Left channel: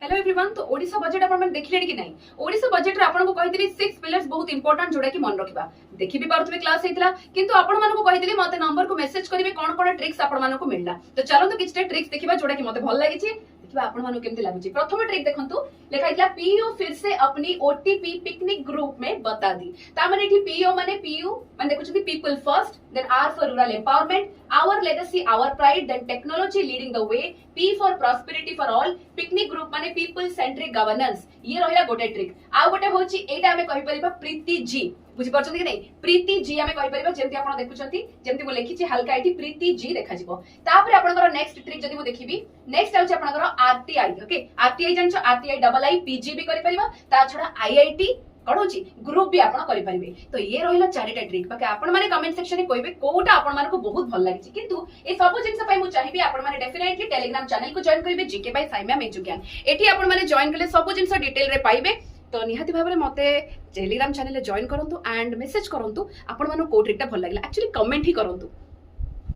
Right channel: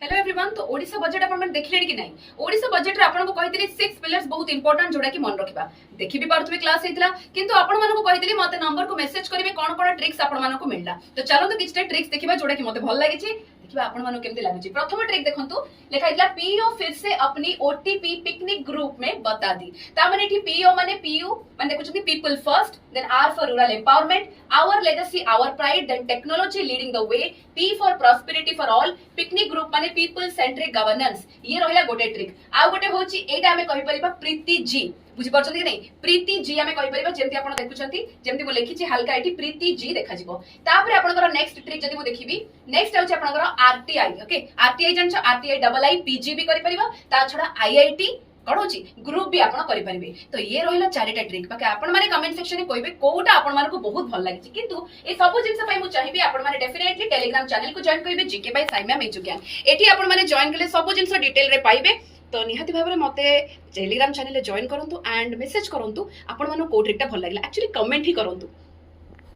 Hello everyone. तो Odisha budget अपन देखिले कि नहीं? ओडिशा बजेट रे आपन को कहितली 6 पिलर्स बहुत इंपोर्टेंट जोड़ा कि मन रखिबा। देखि भी पारुथबे क्लास हेतिला, किंतु आपन मानको को कहितली मते नंबर को मेसेज करिवे कोन कोन ट्रिक्स आपन मानको मिलला। तो चलो तो किछटा ट्रिक्स देखिबा जोड़ा कि मते भल लागि छि। देखिबा आपन मानको केमति लागुछि। प्रथम ट्रिक देखंतु, लेखा हितला पीओ फिर से अपनी ओटीपी पिकनिक ग्रुप में बता दी। ता माने एठी पीओ माने पीयू माने देखुछथि people first, then R for rural empowerment, our legacy our pride, then technology leading the way, P for prosperity for all, पिकनिक ग्रुप माने पीपल सेंट्रिक गवर्नेंस। ये रहिला गोटे ट्रिक। आ गोटे होची एटा हमें कहि परिबा प्रीति जी। बुझि परछथि कि नहीं? प्रीति जी हमें कहि परिबा जेमति आपण देखुछथि, जेमति मो लेखिछि हल्का एठी प्रीति जी देखा जिवो। तापरे आपनकर नेक्स्ट ट्रिक जदि मो देखिबी, नेक्स्ट होची आपनकर आरटीआई। ओके, आरटीआई जानछ, आरटीआई डबल आई पीजी भी करि परिबा। ता छडा आईआईटी कौन होची ग्रुप भी आपण करि परिबे। तो ये रहिला चारिटा ट्रिक। बाकी आपण माने कमेंट सेक्शन में कहबे कोटा आपण मानको बहुत भल लागिछि। किंतु ए सब जिंस पई मु चाहिबे आपण माने डेफिनेटली टेलीग्राम चैनल को जॉइन करिवे, जीके बाय साइमा मेजु ज्ञान। एठी आपण माने जॉइन कले सब जिंस डिटेल रे पाइबे। तो निहाती भाबरे मते टेलीग्राम चैनल रे जॉइन करंतु एंड मेसेज करंतु आपण मानको को ट्रिकटा भल लागिला। एक्चुअली कमेंट ही करंतु।